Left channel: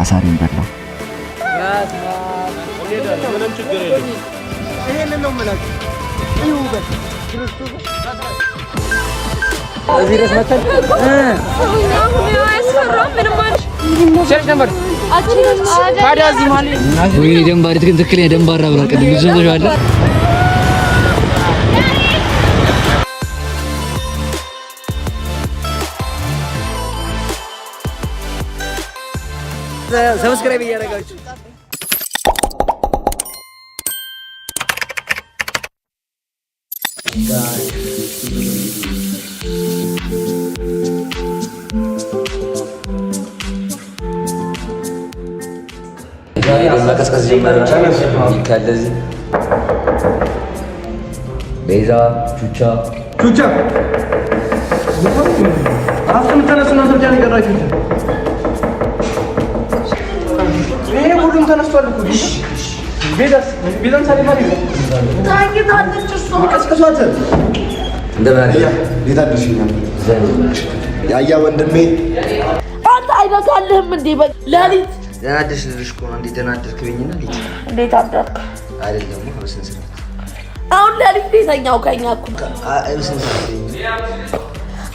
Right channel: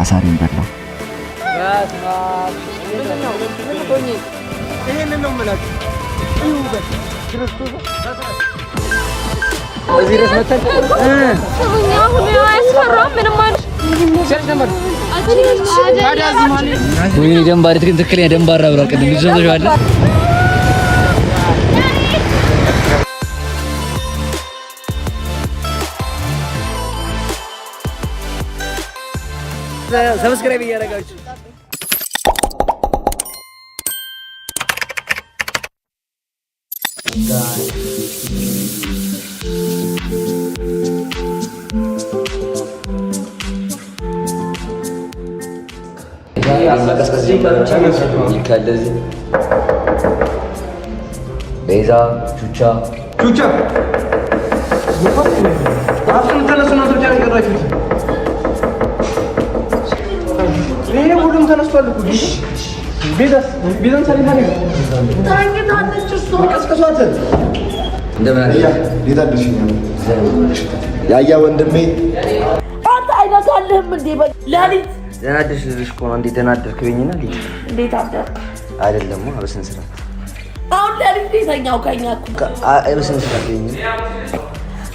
አሳሪን በላው። ይሄንን ነው የምላችሁ። ይሁበት ክርስቶስ እዚህ ድረስ መተን ወይኔ ደንባሪ ትክክለኛ ደንባራ ብላ ቅድም ልጅ ነው ያለ ሰብስክራይብ እያደረጋችሁ መቀስቀስ ጀመረ። ከለዚህ ቤዛ ቹቻ አፍን ተነሱና ተርጃ ነገራችሁት። ይሄ ሁሉም ተነስቷል እኮ ቤዛን ሳይማ ነው ታንኪታለች እሱ መቀስቀሷት እንደምን ቤዛ ደስኛል ያያ ወንድሜ አንተ አይነካልህም እንዴ ለሊት ደናደሽ ልልሽ እኮ ነው። እንዴ ደናደርክ በይኝና ልጅ እንዴት አደርክ አይደለም በስነ ስርዓት አሁን ለሊት ቤተኛው ከኛ እኮ በስነ ስርዓት በይኝ።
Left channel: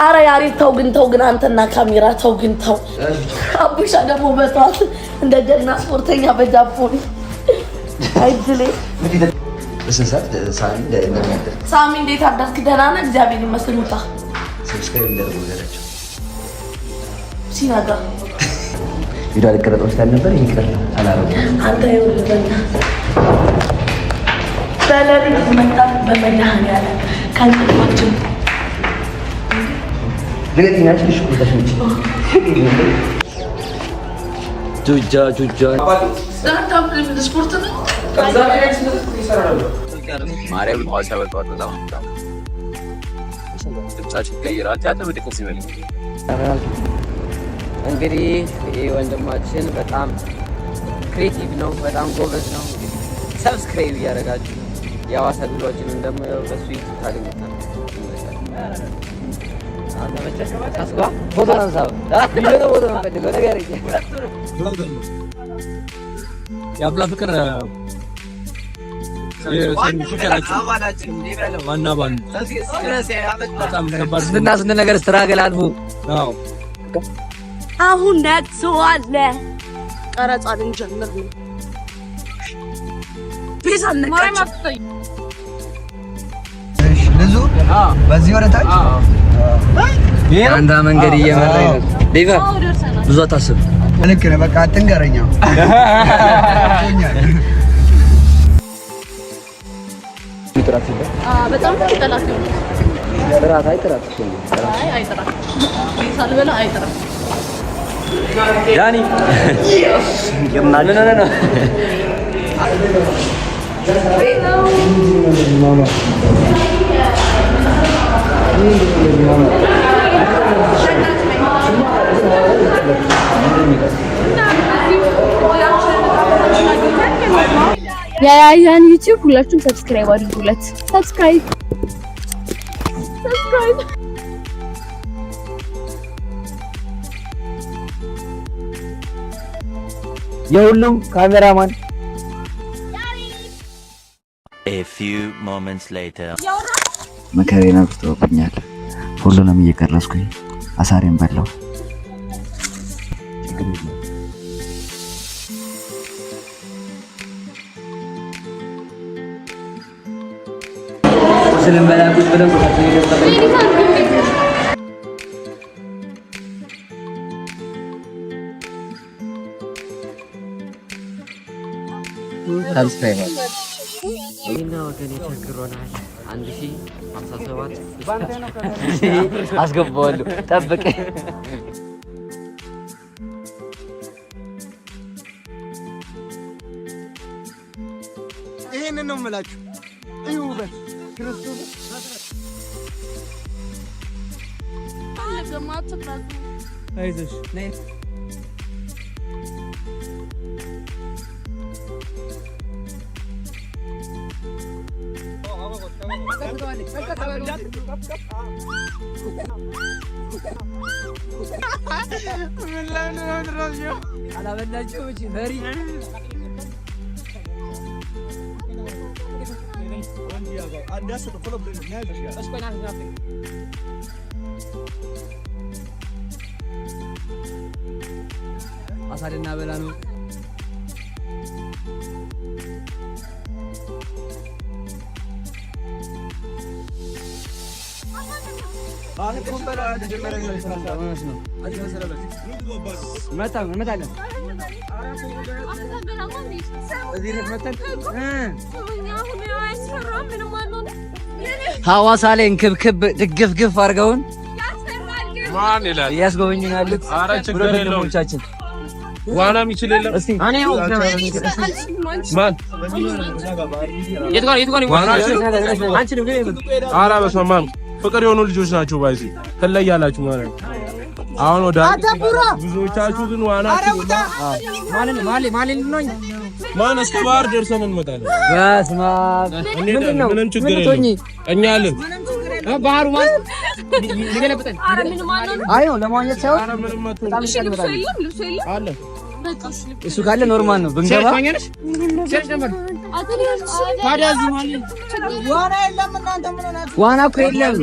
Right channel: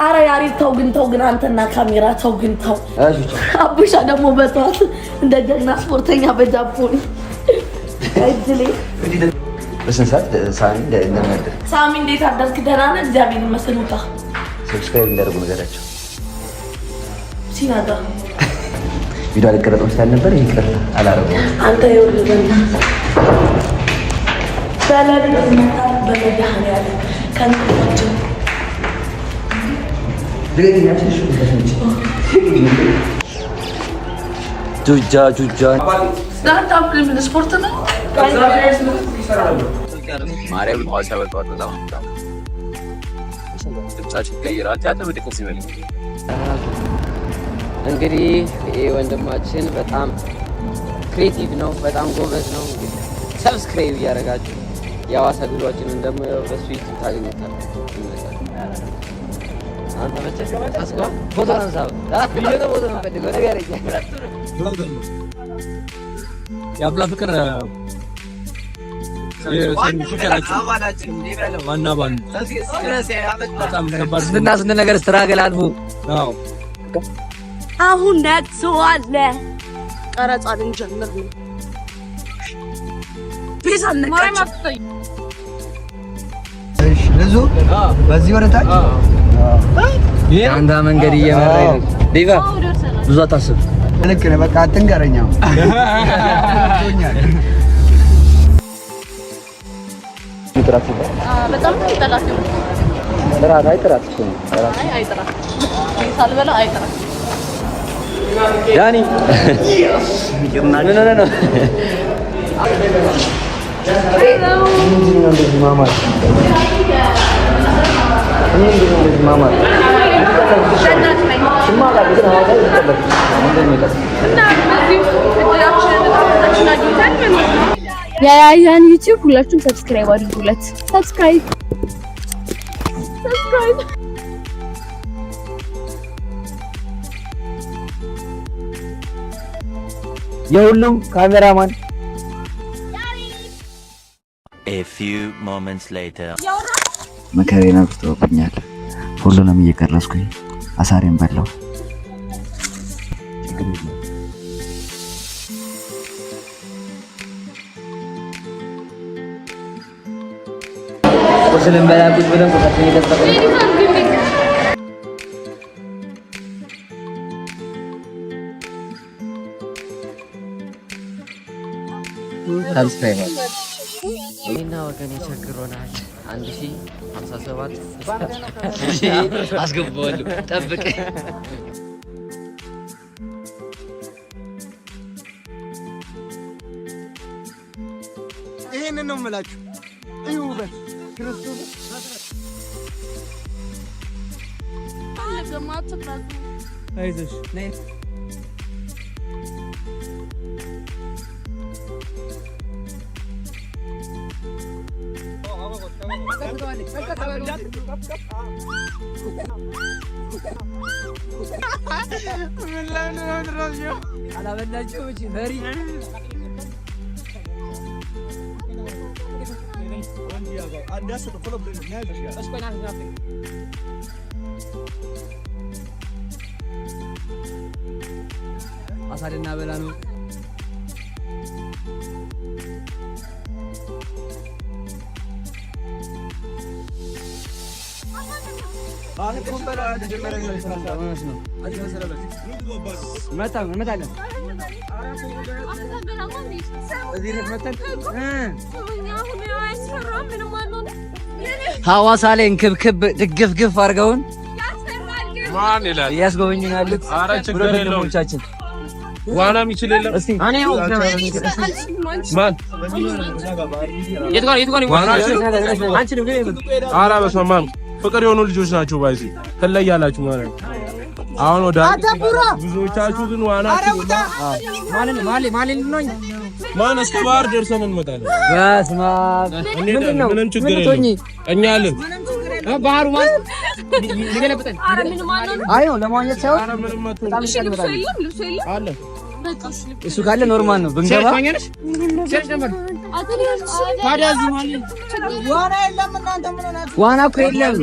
አረ ያሪት ተው ግን አንተና ካሜራ ተው ግን ተው። አቡሻ ደግሞ በጧት እንደ ጀግና ስፖርተኛ በጃፖኒ አይድሌ በስነ ስርዓት ሳሚ እንደምናደር ሳሚ እንዴት አደርክ? ደህና ነህ? እግዚአብሔር ይመስገን። ውጣ ሰብስክራይብ እንዳደርጉ ነገራቸው ሲናጋ ቪዲዮ አልቀረጥም ስላልነበር ይቅር አላረገውም። አንተ ይወርደና ሰላም መጣ በመድኃኒዓለም ከንፈችን ለዲና ትንሽ ወደሽ ጁጃ ስታርታፕ ስፖርት ነው። ማርያም ማሰበቷት በጣም ድምጻችን ቀይራል። ያተበደቀስ ይበል እንግዲህ ይሄ ወንድማችን በጣም ክሬቲቭ ነው፣ በጣም ጎበዝ ነው። እንግዲህ ሰብስክራይብ እያደረጋችሁ የሐዋሳ ቪዲዮዎችን ደግሞ በሱ ታገኙታላችሁ። ፎቶ አንሳው የአብላ ፍቅር ስንት ነገር ስትራገል አልፎ አሁን ነቅሷል። ቀረጻ ልንጀምር ነው። ቤዛ ነቀች። እሺ ብዙ በዚህ ወደ ታች አንተ መንገድ እየመራኝ ነው። ቤዛ ብዙ አታስብ። ልክ ነህ። በቃ አትንገረኛ። ምጥራት ይባል በጣም ነው ጠላት ነው። ጥራት አይጥራት እኮ አይጥራት ሳልበላ አይጥራት ያኒ የምናል ነው ያያን ዩቲዩብ ሁላችሁም ሰብስክራይብ አድርጉለት። ሰብስክራይብ የሁሉም ካሜራማን A few moments later መከሬን አብዝተውብኛል። ሁሉንም እየቀረስኩኝ አሳሬን በላው። ቁስልን በላቁት ብለው ከተይ ሰብስክራይብ እና ወገን ይቸግሮናል። 1057 አስገባዋለሁ። ጠብቅ። ይሄንን ነው የምላችሁ። ይሁበት ክርስቶስ አይዞሽ ነይ Let's go. አላበላችሁ እቺ በሪ አሳደና በላ ነው ሐዋሳ ላይ እንክብክብ ድግፍግፍ አድርገውን ማን ይላል ያስጎበኙን ያሉት ኧረ ችግር የለውም ዋናም ይችል የለም እስቲ እኔ ማን የት ጋር አንቺ ነው ኧረ በስመ አብ ፍቅር የሆኑ ልጆች ናቸው ባይዚ ትለያላችሁ ማለት ነው አሁን ወደ ብዙዎቻችሁ ግን ዋና ማን ነው ማን እስከ ባህር ደርሰን እንመጣለን በስመ አብ ምንም ችግር የለም እኛ አለን ባህሩ ማለት ሊገለብጠን አይ ነው ለማግኘት ሳይሆን በጣም ይሻላል አለ እሱ ካለ ኖርማል ነው ብንገባ ዋና እኮ የለም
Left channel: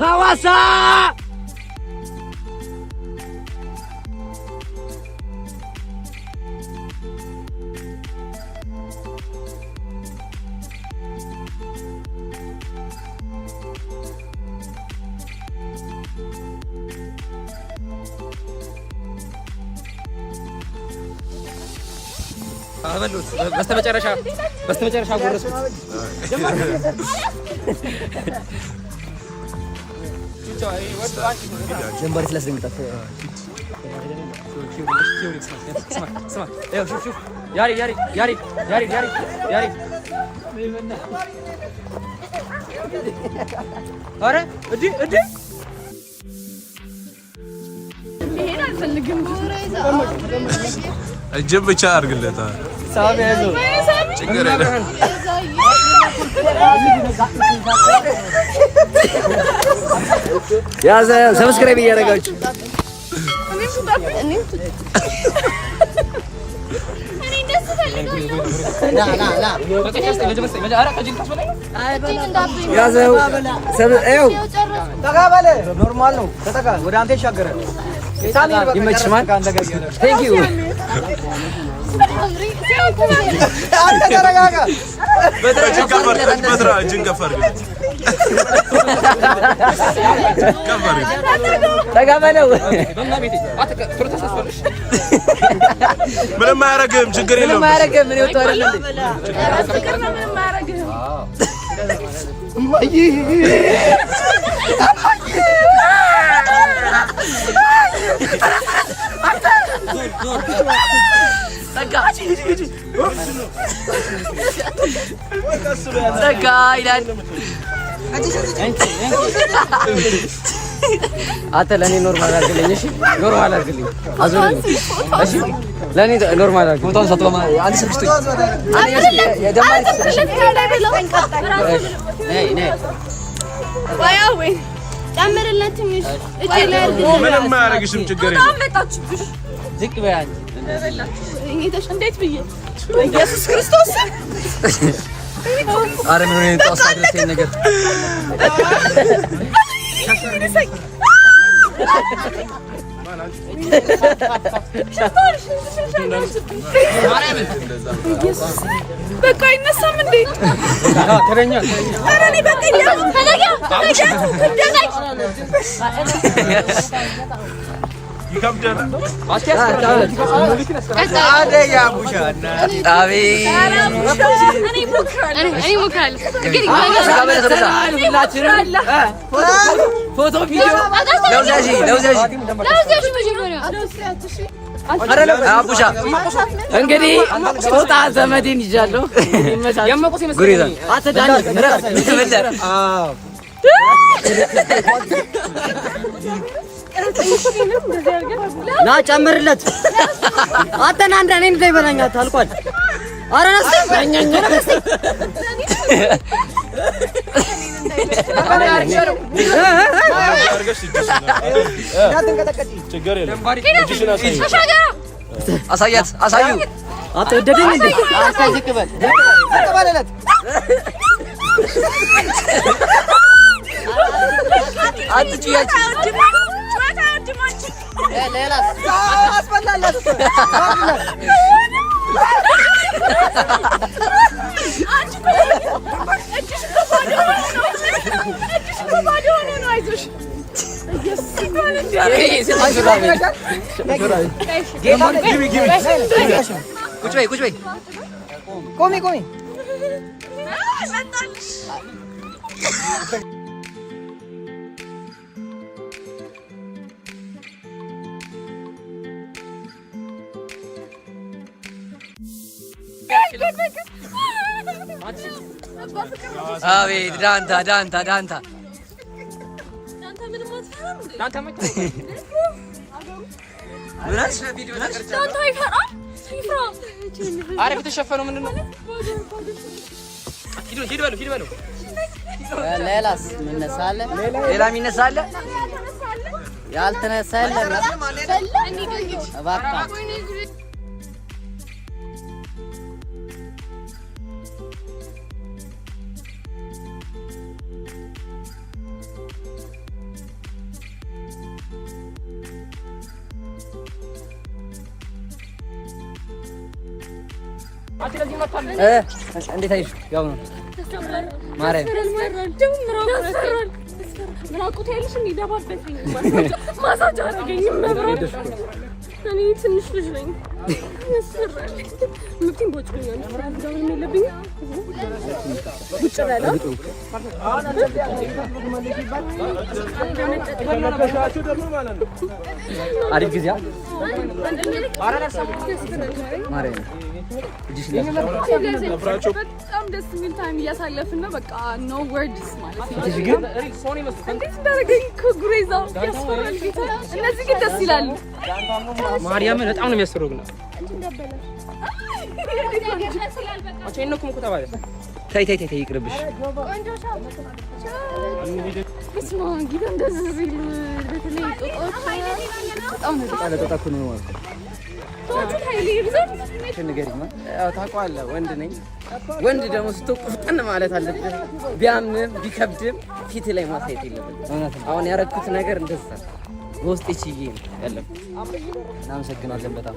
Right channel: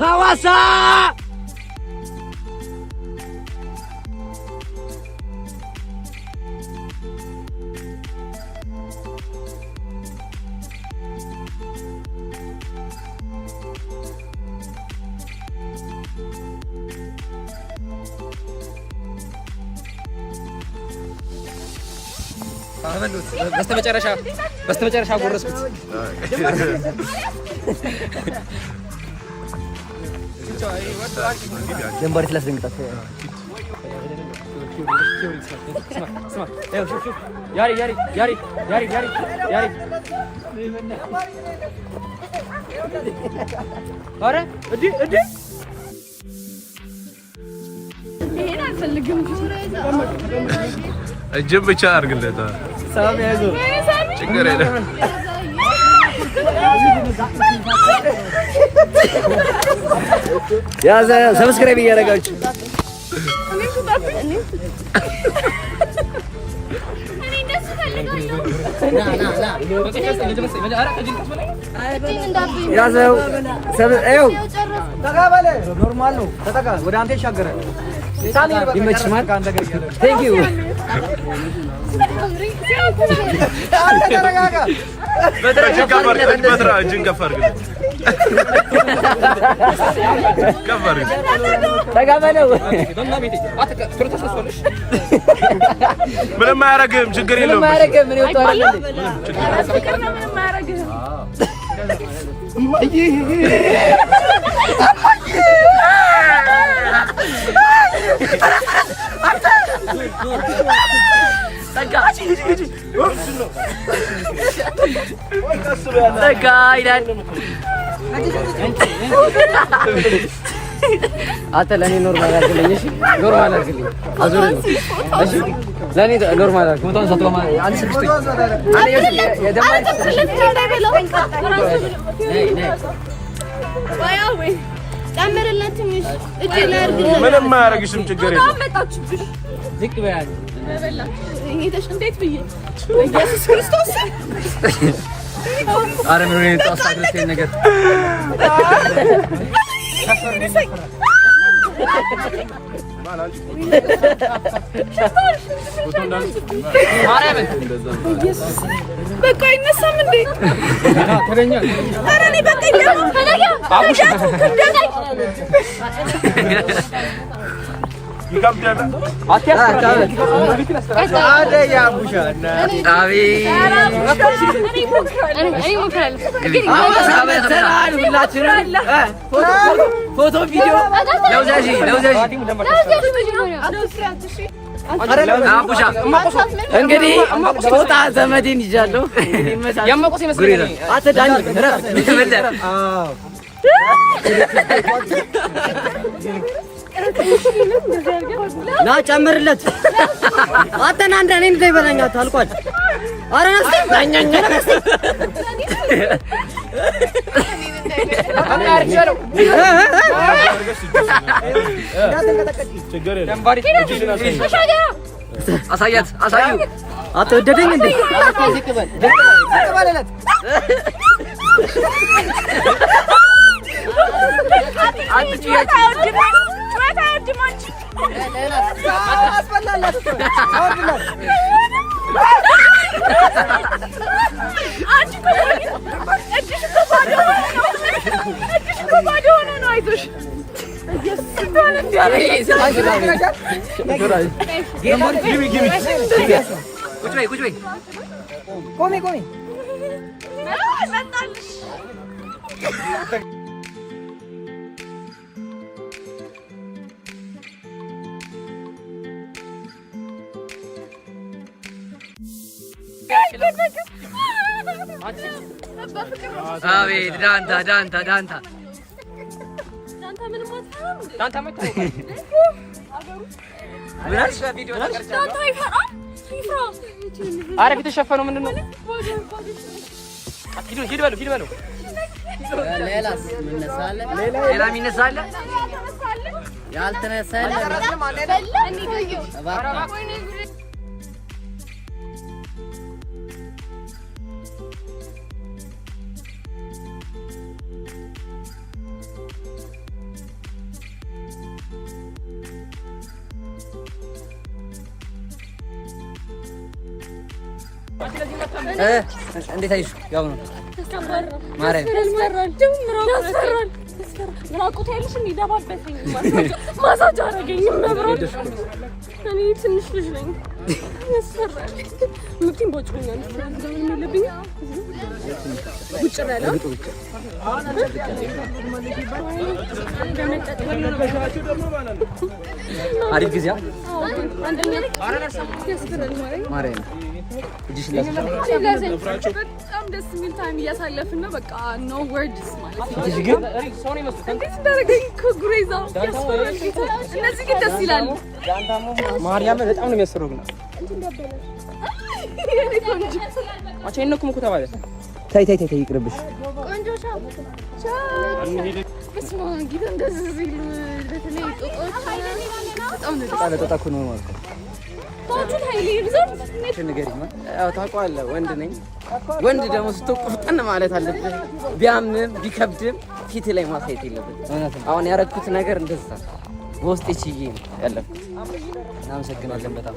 ሐዋሳ በስተመጨረሻ ጎረስኩት ጀምበር ስለስንቀት ያሪ አረ እዲ እጅብ ብቻ አድርግለት ችግር የለም ያዘ ሰብስክራይብ እያደረጋችሁ ያዘው ሰብስክራይብ ተጋባለ ኖርማል ነው ተጠጋ ወደ አንተ ይሻገራል ይመችማል ቴንክ ዩ አንተ ተረጋጋ እጅን ከፍ አድርግለት ከበር ተጋባለው ምንም አያረግም ችግር የለውም ምን ይወጣል አንተ ለኔ ኖርማል አድርግልኝ እሺ ኖርማል አድርግልኝ ለኔ ኖርማል አድርግ ፎቶን ሰጥቶማ አንድ ስልክ ጨምርለት ትንሽ እጄ ላይ አድርግልኝ ምንም አያረግሽም ችግር የለም ዝቅ በያል እኔ እንዴት ብዬ ኢየሱስ ክርስቶስ አረ ነው እኔ ታስታግለሽ ነገር በቃ አይነሳም እንዴ ተረኛ አረ እኔ በቃ ይደም ተነጋ ፎቶ ቪዲዮ ለውዛዥ አቡሻ እንግዲህ ጦጣ ዘመዴን ይዣለሁ። እንግዲህ ይመቻል። ጉሪዛ አትዳኒ ረፍ ይተበለ ና ጨምርለት። አተና እንደኔ እንዳይበላኛት ታልቋል። አረ ነስ አሳዩ አትወደደኝ እንዴ? አታዝቅበል ተባለለት። አትጭያጭ ሌላ አስፈላላት ቁጭ በይ ቆሚ አቤት ዳንታ ሌላስ ሌላ የሚነሳ አለ? ያልተነሳ የለም። እንዴት አይሽ? ያው ነው ማርያም እኔ ትንሽ ልጅ ነኝ። ያሰራል ምንም ቦጭኛል ፍራንዳውን የለብኝ ቡጭራላ አሪፍ ጊዜ ማርያም በጣም ደስ የሚል ታይም እያሳለፍን ነው። በቃ ኖ ወርድስ ማለት ነው። እንዴት እንዳደረገኝ ከጉሬዛ ያስፈራል ጌታ። እነዚህ ግን ደስ ይላሉ። ማርያምን በጣም ነው የሚያስፈራው። ግን ተይ ይቅርብሽ። ታውቀዋለህ፣ ወንድ ነኝ። ወንድ ደግሞ ስትቆፍጠን ማለት አለብህ። ቢያምንም ቢከብድም ፊት ላይ ማሳየት የለብህም። አሁን ያደረኩት ነገር እንደዛ በውስጥ እቺዬ ያለው። እናመሰግናለን በጣም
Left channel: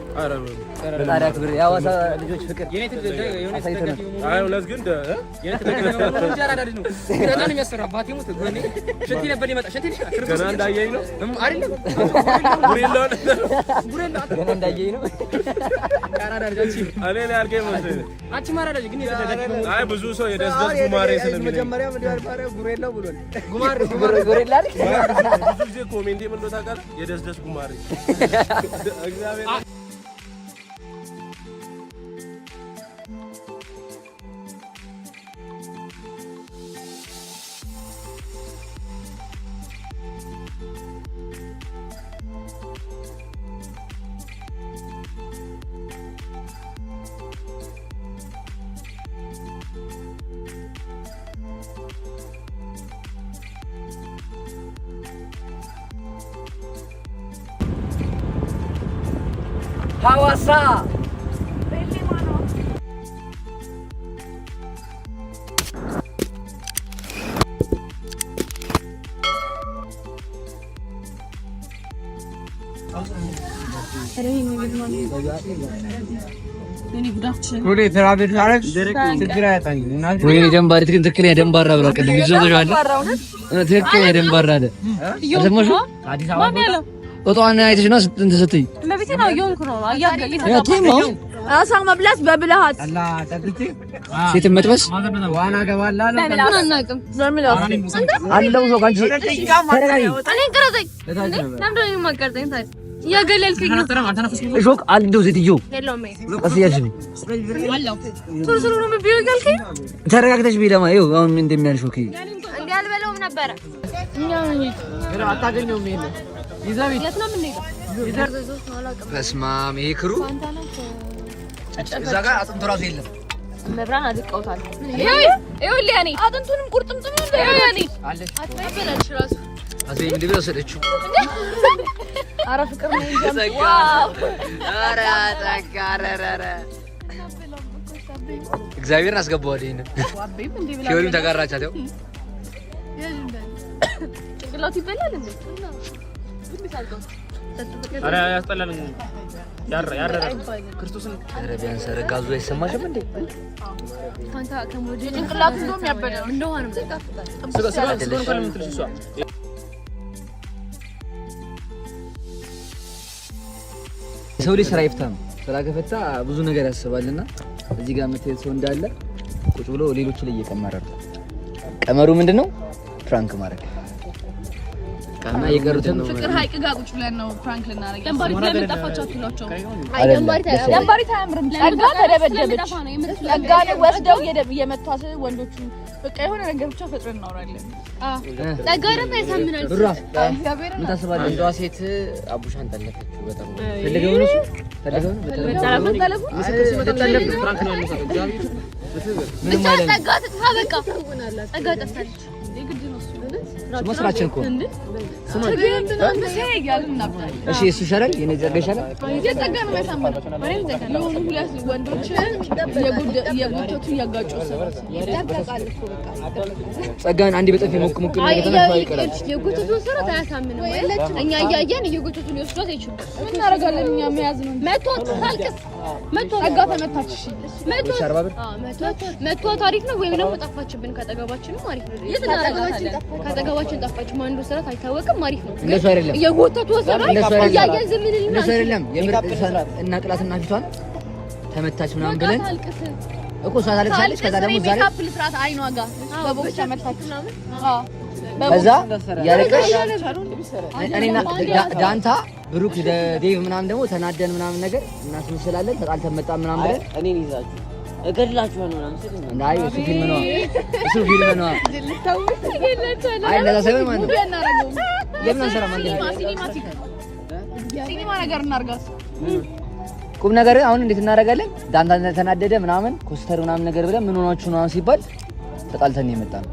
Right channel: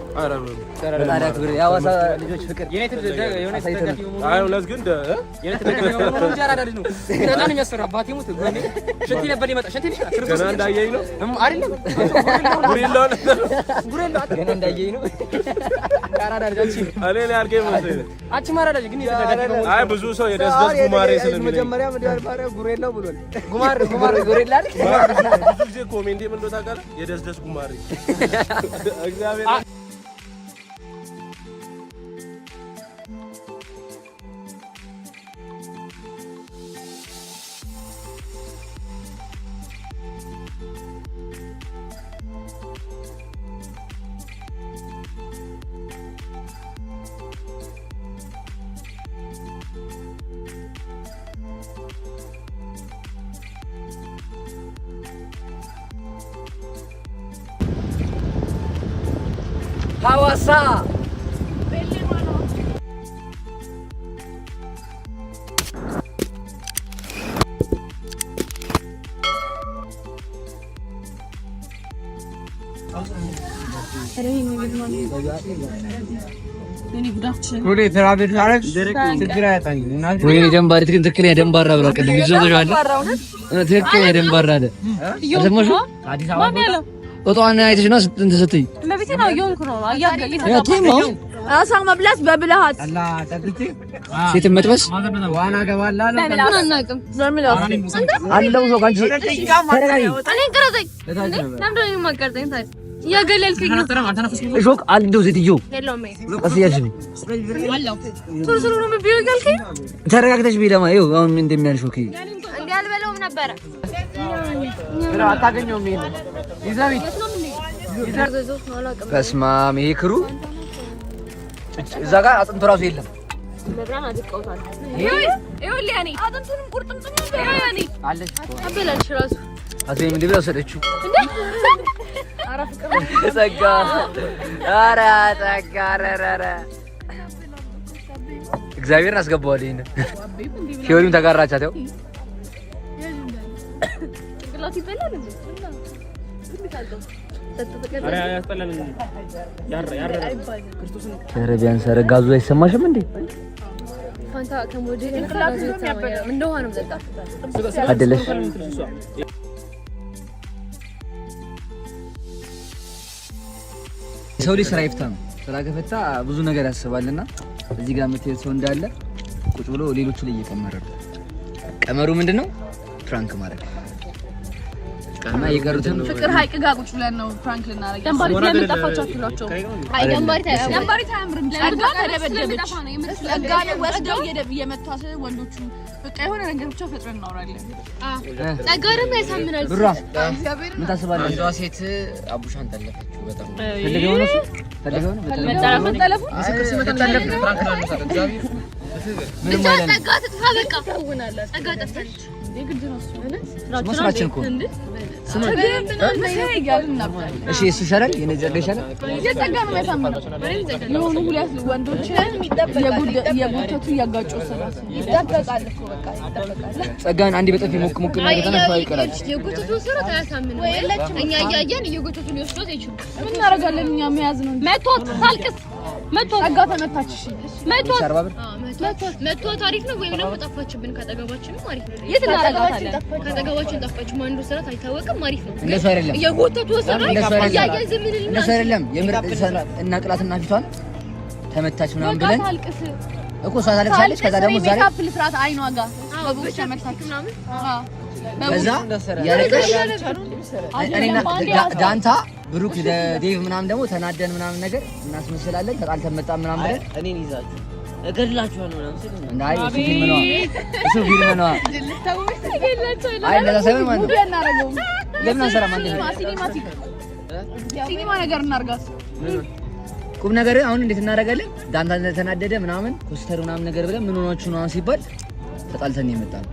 ፈጣሪ አክብር። የሐዋሳ ልጆች ፍቅር አሳይተናል። አይ ሁለት ግን ገና እንዳየኝ ነው አይ ብዙ ሰው የደስደስ ጉማሬ ስለሚለኝ ብዙ ጊዜ ኮሜንት ምን እንደው ታውቃለህ? የደስደስ ጉማሬ እግዚአብሔር ሐዋሳ ወይኔ ደንባሪ ትክክለኛ ደንባራ ብላ ቅድም ይዘውሻል። ትክክለኛ ደንባራ አይደል? አሰማሽ? አዲስ አበባ ጦጣዋን አይተሽ ነው ስትይ ለቤቴ ነው እየሆንኩ ነው አያገለኝ ያቲሞ አሳ መብላት በብልሃት ሴት መጥበስ ዋና ገባላ አናውቅም አለው ሰው ካንቺ ተረጋጊ እኔ ቅረጸኝ ለምንድን ነው የማትቀርጸኝ ታዲያ እያገለልከኝ ነው እሾክ አልደው ሴትዮ የለውም ቀስያሽ ነው ሱሩ ነው ቢዩ ጋልከኝ ተረጋግተሽ ቢለማ ይኸው አሁን ምን እንደሚያል ሾክ እንዴ አልበለውም ነበረ አታገኘውም ይሄን ይዛሚ በስማም ይሄ ክሩ እዛ ጋር አጥንቱ ራሱ የለም መብራን አድቀውታል ይኸው ሊያኔ አጥንቱንም ቁርጥምጥም ይኸው ያኔ አለች አዘይ ምን ሊብለው ሰደችው ኧረ ፍቅር ጸጋ ኧረ ጸጋ ኧረ እግዚአብሔርን አስገባዋል ይሄንን ፊዮሪም ተጋራቻት ያው ቢያንስ ኧረ ጋዙ አይሰማሽም እንዴ? ፋንታ ከሞዴል እንቅላቱ ነው የሚያበለው እንደው ነው ዘጋ አይደለሽ ሰው ልጅ ስራ ይፍታ ነው። ስራ ከፈታ ብዙ ነገር ያስባልና እዚህ ጋር የምትሄድ ሰው እንዳለ ቁጭ ብሎ ሌሎቹ ላይ እየቀመረ ነው። ቀመሩ ምንድነው? ፍራንክ ማድረግ እና የቀሩትን ፍቅር ሀይቅ ጋር ቁጭ ብለን ነው ፍራንክ ልናደርግ ገንባሪ ለምጣፋቻችሁ አይ ገንባሪ ታምርም ጸጋ ተደበደበች ጸጋን ወስደው የመቷት ወንዶቹ በቃ የሆነ ነገር ብቻ ፈጥረን እናወራለን ጸጋ ደግሞ ያሳምናል ብራ ምን ታስባለህ? አንዷ ሴት አቡሻን ጠለፈችው በጣም መጣላፉ ፍራንክ ነው የሚሰጠው እግዚአብሔር ምንም አይደለም ጸጋ ትጥፋ በቃ ጸጋ ጠፋች ስራችን እኮ እሺ እሱ ይሻላል የነጀር ይሻላል የጸጋ ነው ያሳምናል የሆኑ ሁለት ወንዶችን የጉተቱ ያጋጩ ይጠበቃል እኮ በቃ ይጠበቃል ጸጋን አንዴ በጥፊ ሞቅ ሞቅ ነገር ተነፋ ይቀራል የጉተቱ ስራ ታያሳምን እኛ እያየን የጉተቱ ሊወስዷት አይችሉም ምን እናደርጋለን እኛ መያዝ ነው መቷት ታልቅስ መቷት ጸጋ ተመታች መቷት መቷት አሪፍ ነው ወይም ደግሞ ጠፋችብን ከጠገባችን ነው አሪፍ ነው የጠገባችን ጠፋች ከጠገባችን ጠፋች ማንዱ ስራ አይታወቅም አሪፍ ነው እንደሱ አይደለም የጉተቱ ስራ እያየን ዝም ብለን እንደሱ አይደለም የምርጥ እና ቅላትና ፊቷን ተመታች ምናምን ብለን እኮ እሷ ታለቅሳለች ከዛ ደግሞ ዛሬ ካፕል ፍራት አይኗ ጋር በቦክስ ተመታች ምናምን ከዛ ያለቀሽ እኔና ዳንታ ብሩክ ዴቭ ምናምን ደግሞ ተናደን ምናምን ነገር እናስመስላለን ተጣልተን መጣን ምናምን ብለን እኔን ይዛችሁ እገድላችኋለሁ ምናምን ሲል እንዳይ እሱ ፊልም ነው አይ እንደዛ ሳይሆን ማለት ነው ለምን አንሰራም አንዴ ሲኒማ ነገር እናርጋስ ቁም ነገር አሁን እንዴት እናደርጋለን ዳንታ ተናደደ ምናምን ኮስተር ምናምን ነገር ብለን ምን ሆናችሁ ነው ሲባል ተጣልተን የመጣነው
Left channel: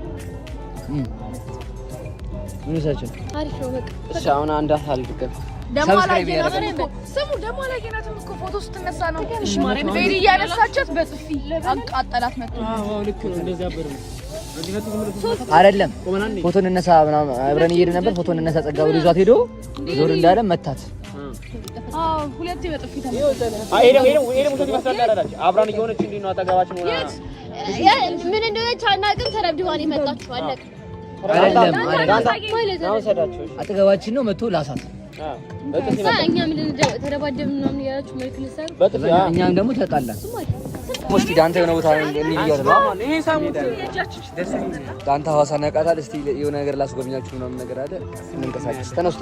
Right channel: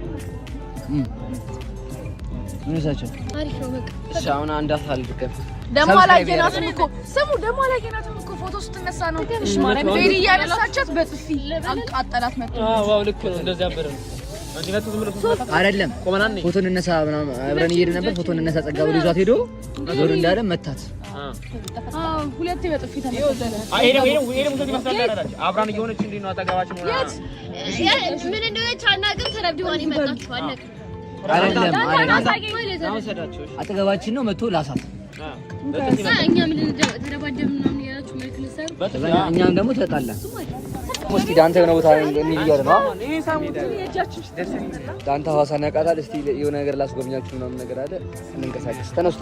ምን ይሳችሁ አሪፍ ነው በቃ ሻውና እንዳታልቅቅ ሰብስክራይብ ያደርጋል ስሙ ደግሞ ላይ ገናት እኮ ፎቶ ስትነሳ ነው እሺ ማርያም ሌሊ ያነሳቻት በጥፊ አቃጠላት መጥቶ ዋው ልክ እንደዚህ አበረ አይደለም ፎቶ እንነሳ ምናምን አብረን እየሄድን ነበር ፎቶ እንነሳ ጸጋ ወደ ይዛት ሄዶ ዞር እንዳለ መታት ሁለቴ በጥፊ አብራን እየሆነች እንዴ ነው አጠገባችን ምን እንደሆነች አናውቅም ተረብድዋን ይመጣችሁ አለቅ አይደለም አጠገባችን ነው መጥቶ ላሳት እኛ ምን ተረባደም ምናምን ያላችሁ ማለት ነው እኛም ደግሞ ተጣላን እስቲ ዳንታ የሆነ ቦታ እንሂድ እያለ ነው ዳንታ ሐዋሳ ያውቃታል እስቲ የሆነ ነገር ላስጎብኛችሁ ምናምን ነገር አለ እንንቀሳቀስ ተነስ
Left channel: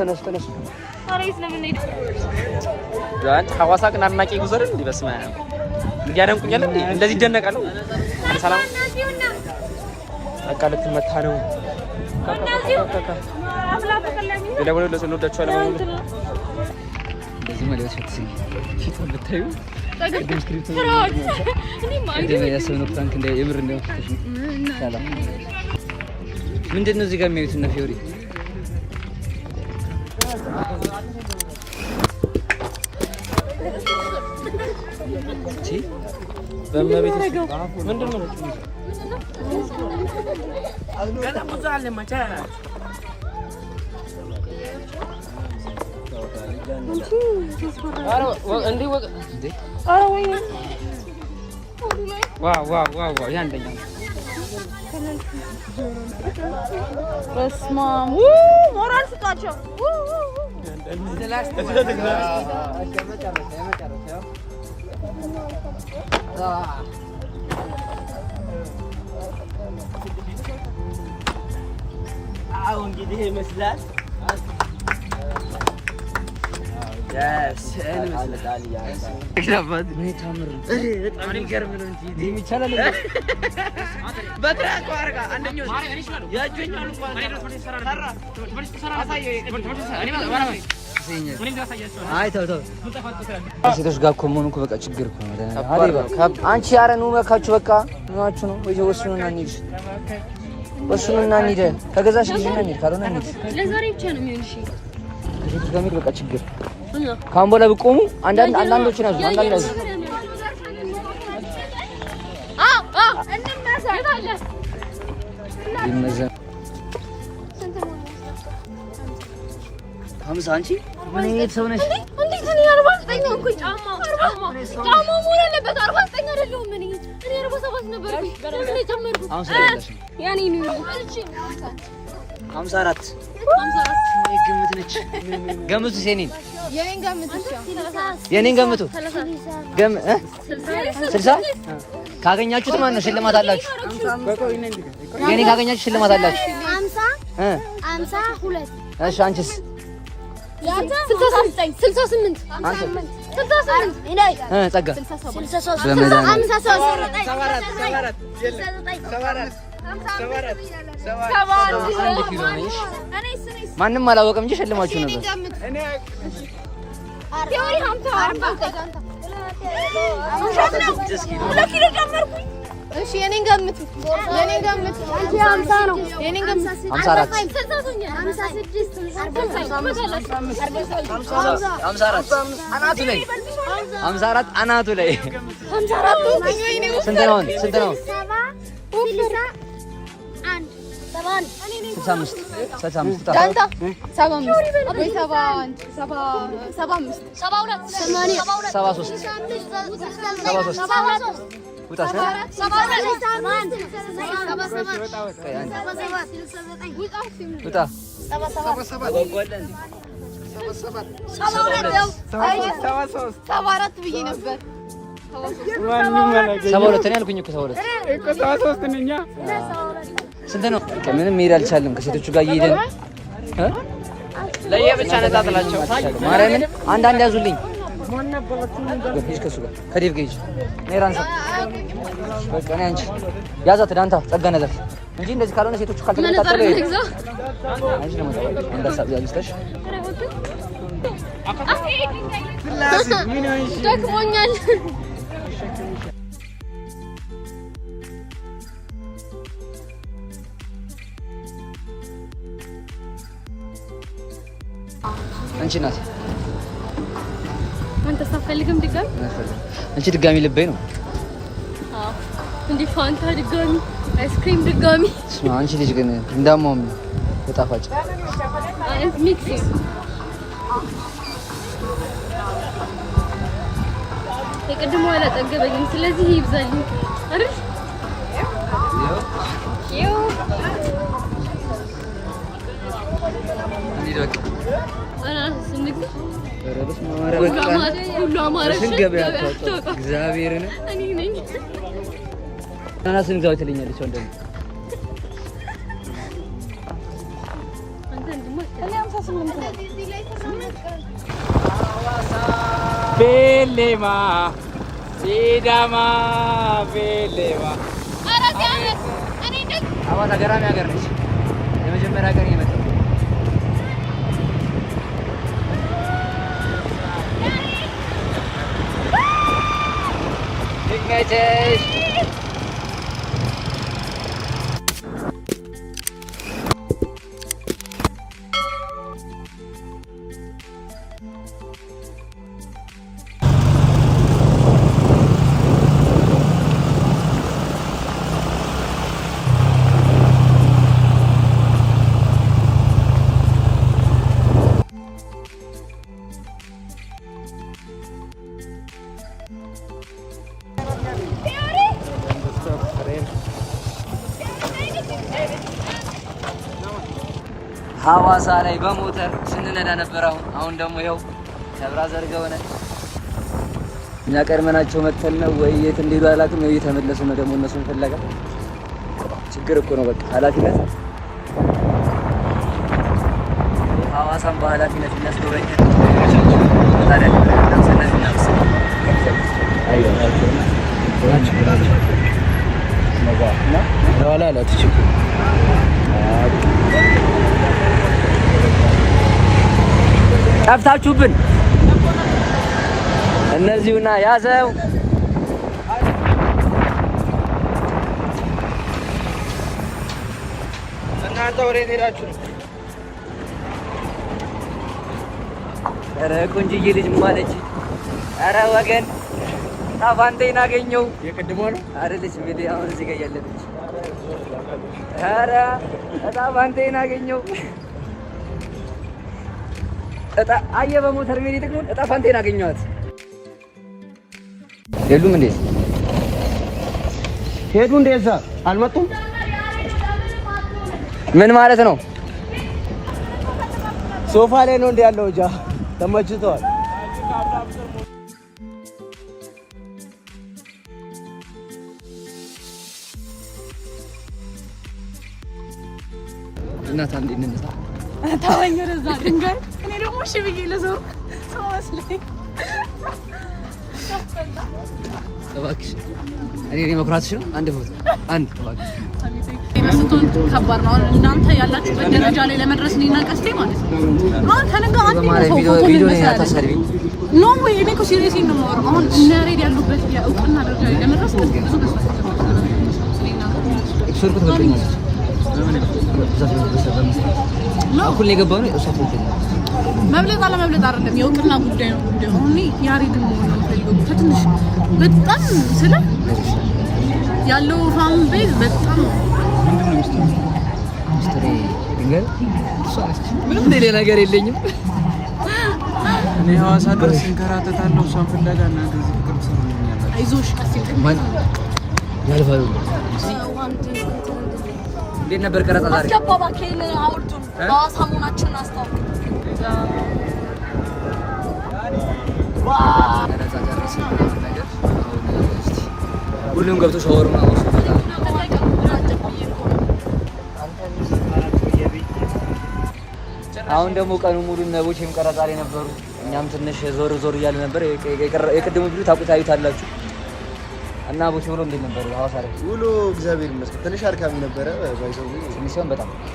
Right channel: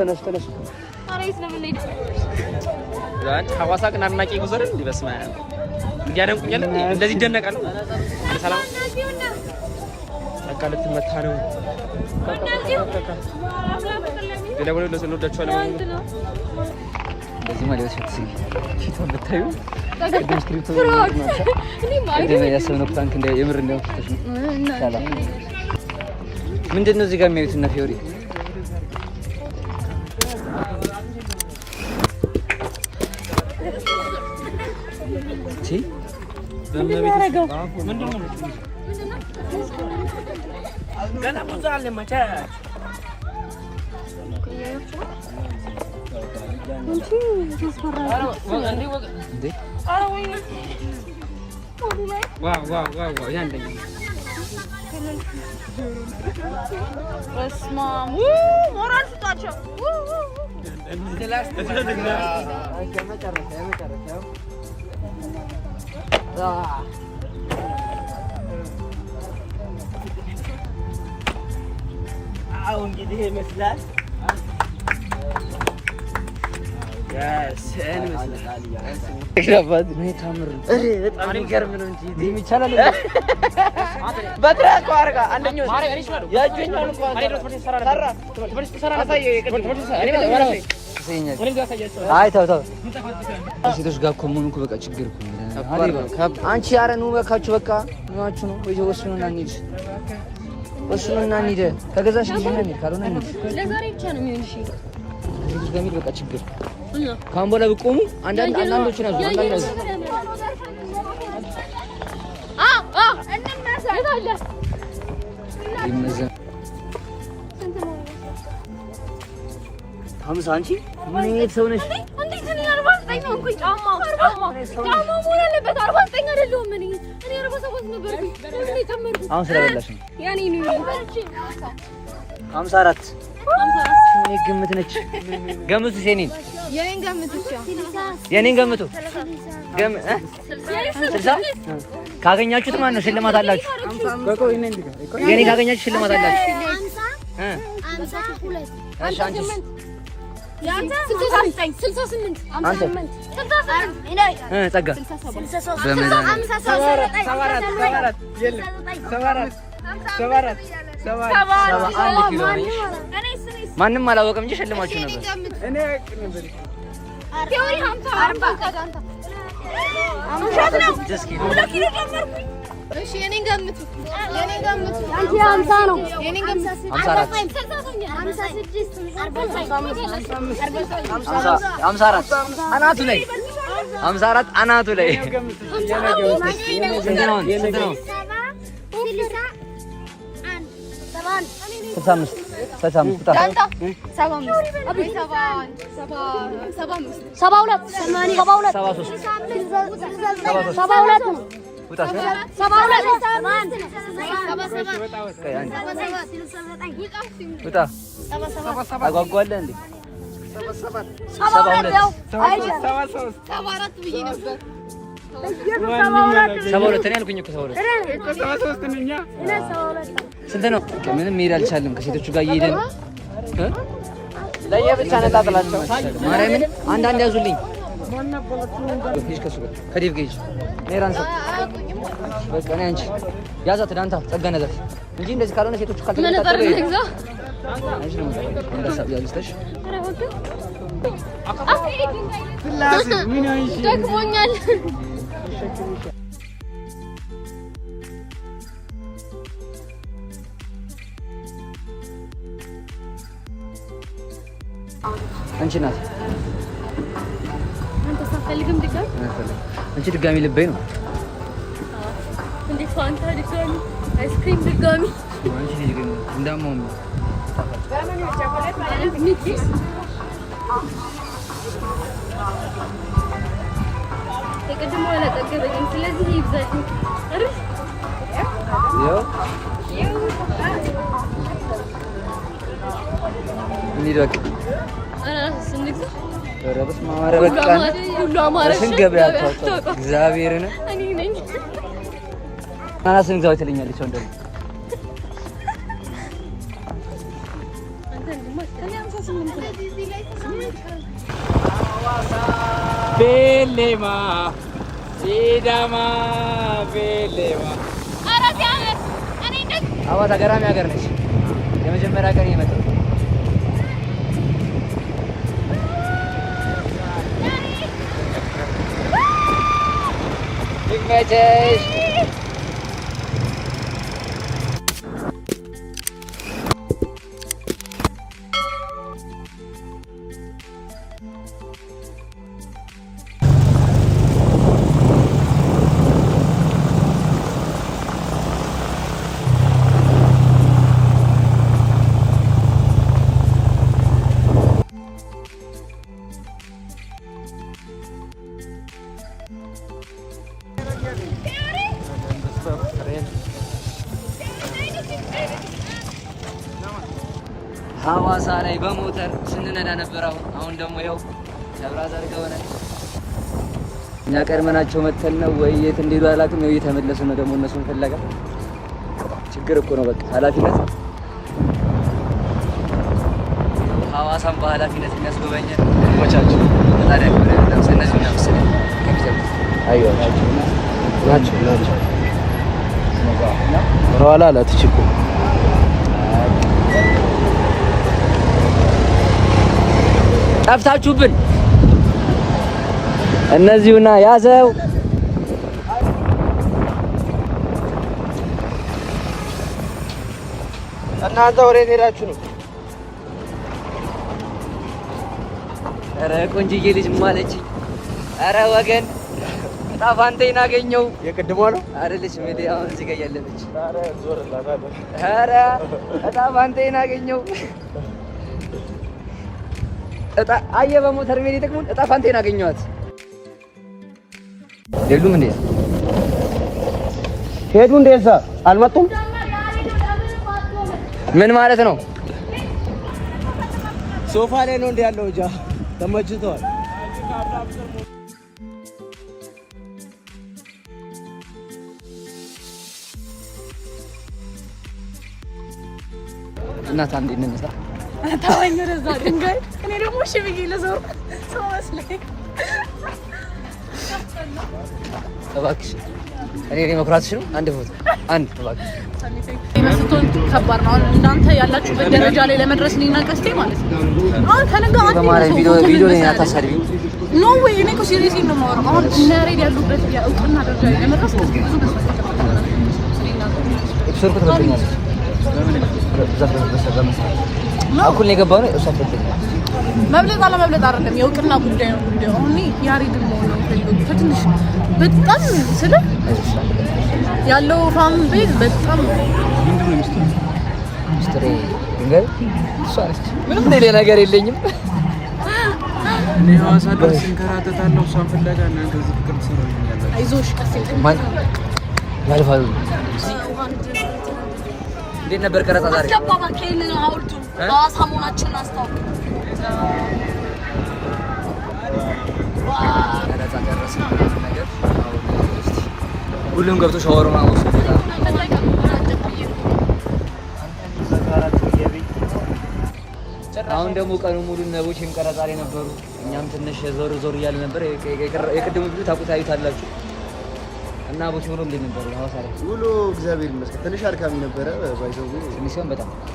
ታሪስ ለምን ሄድ ዛን ሐዋሳ ግን አድናቂ ጉዘር እንዴ በስማ እንዲያደንቁኛል እንዴ እንደዚህ ይደነቃሉ አለ ሰላም አቃለት መታ ነው ካካካካካ ደለወለ ለሰኖዳቸው አለማሙ እንደዚህ ማለት ነው ፊቷ ብታዩ ቅድም ስክሪፕቱ ያሰብነው ፕራንክ እንደ የምር እንደምትተሽ ነው ሰላም ምንድነው እዚህ ጋር የሚያዩት እና ፊዮሪ እቺ በመቤት ምንድነው ገና ብዙ አለ ማቻ ዋው ያንደኛ አሁን እንግዲህ ይመስላል ጋስ እኔ መስላል ይገባል ነው ታምር በጣም የሚገርም ነው እንጂ ይቻላል በትራክ አርጋ አንደኛው ያጆኛው እንኳን አይ ተው ሴቶች ጋር እኮ መሆኑ እኮ በቃ ችግር እኮ ነው። አንቺ ኧረ ኑ በቃችሁ በቃ ምናችሁ ነው ወይ ወስኑና እንሂድ ወስኑና እንሂድ ከገዛሽ ልጅና እንሂድ ካልሆነ እንሂድ ለዛሬ ብቻ ነው የሚሆን እሺ ስለሚል በቃ ችግር ካሁን በኋላ ብቆሙ አንዳንዶችን ያዙ አንዳንድ ያዙ ይመዘን ሀምሳ አንቺ ምን አይነት ሰው ነሽ? እንዴት ነው 49 ነው እኮ ጫማው ምን ያለበት 49 አይደለም እኔ 47 ነበር እኔ ጨመርኩ አሁን ስለበላሽ ነው ያኔ ነው 54 እኔ ግምት ነች ገምቱ የኔን ገምቱ ገም 60 ካገኛችሁት ማን ነው ሽልማት አላችሁ የኔ ካገኛችሁ ሽልማት አላችሁ 52 እሺ አንቺስ 68 አንተ ጸጋ በመዳን 71 ኪሎ ነሽ ማንም አላወቀም እንጂ ሸልማችሁ ነበር እሺ የኔን ገምቱ አንቺ 50 ነው የኔን ገምቱ 54 አናቱ ላይ 54 አናቱ ላይ ስንት ነው 65 ስንት ነው? ምንም መሄድ አልቻለም። ከሴቶቹ ጋር እየሄድን ለየብቻ ነጣጥላቸው ማርያምን አንዳንድ ያዙልኝ። ሂጅ ከሱ ጋር ከዴቭ ጋር ሂጅ። ኔራንሳ በቃ ነኝ አንቺ ያዛት ዳንታ ጸጋና ያዛት እንጂ እንደዚህ ካልሆነ ሴቶቹ ካልተከታተሉ አንቺ ነው መጣው እንዳሳብ ያዝተሽ ደክሞኛል። አንቺ ናት አንተ ሳፈልግም ድጋሚ አንቺ ድጋሚ ልበይ ነው እንዴ ፋንታ ድጋሚ አይስክሪም ድጋሚ አንቺ ልጅ ግን እንዳማው ተጣፋጭ ሚክስ የቅድሙ አላጠገበኝም ስለዚህ ይብዛልኝ አይደል ያው እንሂድ በቃ ረብስ ማማረ በቃ ሁሉ አማረሽ ገበያ እግዚአብሔር ነው እኔ ነኝ አናስን ዘው ትልኛለች ወንደም ቤሌማ ሲዳማ ቤሌማ ሐዋሳ ገራሚ ሀገር ነች። የመጀመሪያ ቀን የመጣው ይመችሽ። ሐዋሳ ላይ በሞተር ስንነዳ ነበር። አሁን ደግሞ ይኸው ብራዘር ገመና እኛ ቀድመናቸው መተን ነው ወይ የት እንደሄዱ አላውቅም። ነው እየተመለሱ ነው ደግሞ እነሱን ፍለጋ። ችግር እኮ ነው በቃ ኃላፊነት ሐዋሳን በኃላፊነት የሚያስጎበኘን መቻቸው ታዲያ ነው እነዚህ ነው መሰለኝ ኋላ ላትችኩ ጠፍታችሁብን እነዚሁና ያዘው እናንተ ወሬት ሄዳችሁ ነው? ኧረ ቆንጅዬ ልጅ ማለች። ኧረ ወገን ጣፋንቴን አገኘው። የቅድሟ ነው አይደለች ሜዲ አሁን እዚህ ጋር ያለች። ኧረ ጣፋንቴን አገኘው። አየ በሞተር ሜዲ ደግሞ ጣፋንቴን አገኘዋት። የሉም እንዴ? ሄዱ እንደዛ አልመጡም። ምን ማለት ነው? ሶፋ ላይ ነው እንዴ ያለው? እጃ ተመችቷል። እናት አንዴ እንነሳ ታወኝረዛ ድንጋይ እኔ ደግሞ እሺ ብዬ ለዞር ሰው መስለኝ እባክሽ እኔ መኩራትሽ ነው። አንድ ፎቶ አንድ እባክሽ መስቶን ከባድ ነው። እናንተ ያላችሁበት ደረጃ ላይ ለመድረስ እኔና ቀስቴ ማለት ነው። አሁን ከነጋ አንተ በማርያም ቪዲዮ ላይ አታሳድቢኝ። ኖ ወይ እኔ እኮ ሲሪየስሊ ነው የማወራው። አሁን እነ ያሬድ ያሉበት የእውቅና ደረጃ ላይ ለመድረስ ቀስቴ ብዙ መስዋዕት ተከፈለ። ኤክስፐርት ትበልኛለች። በምን በመስራት እኩል ነው የገባው ነው እሷ ትበልኛለች። መብለጥ አለመብለጥ አይደለም የእውቅና ጉዳይ ነው ጉዳዩ። አሁን ያሬድን መሆን ነው የምፈልገው ከትንሽ በጣም ስለ ያለው ፋም ቤዝ በጣም ምንም ሌላ ነገር የለኝም። እኔ ሐዋሳ ድረስ እንከራተታለሁ እሷን ፍለጋ። እናንተ እዚህ ፍቅር ትሰሩልኛላችሁ። አይዞሽ ቀስቴ ያልፋሉ። እንዴት ነበር ቀረጻ ዛሬ? አስገባ ከእኔ አውርዱ ሐዋሳ መሆናችንን አስታውቅ። ቀረጻ ጨረስን ነገር አሁን እስቲ ሁሉም ገብቶ ሻወር ነው ወስዶ አሁን ደግሞ ቀኑ ሙሉ ነቦቼም ቀረጻ ላይ ነበሩ። እኛም ትንሽ ዞር ዞር እያለ ነበር። የቅድሙ ቪዲዮ ታዩታላችሁ። እና ቦቼ ብሎ እንዴት ነበር ሐዋሳ ላይ ውሎ? እግዚአብሔር ይመስገን ትንሽ አድካሚ ነበረ። ባይዘው ትንሽ ሲሆን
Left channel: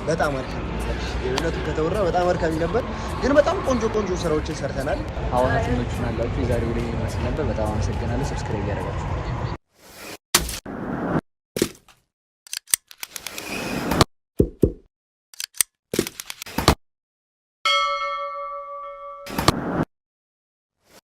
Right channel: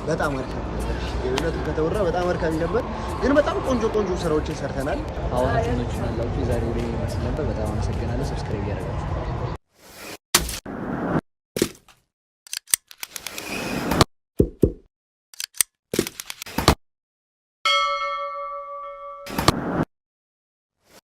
በጣም አድካሚ ነበር። የእውነቱ ከተወራ በጣም አድካሚ ነበር፣ ግን በጣም ቆንጆ ስራዎችን ሰርተናል። ሐዋሳ ትኖቹን አላችሁ። የዛሬው ላይ ይመስል ነበር። በጣም አመሰግናለሁ። ሰብስክራይብ ያደርጋችሁ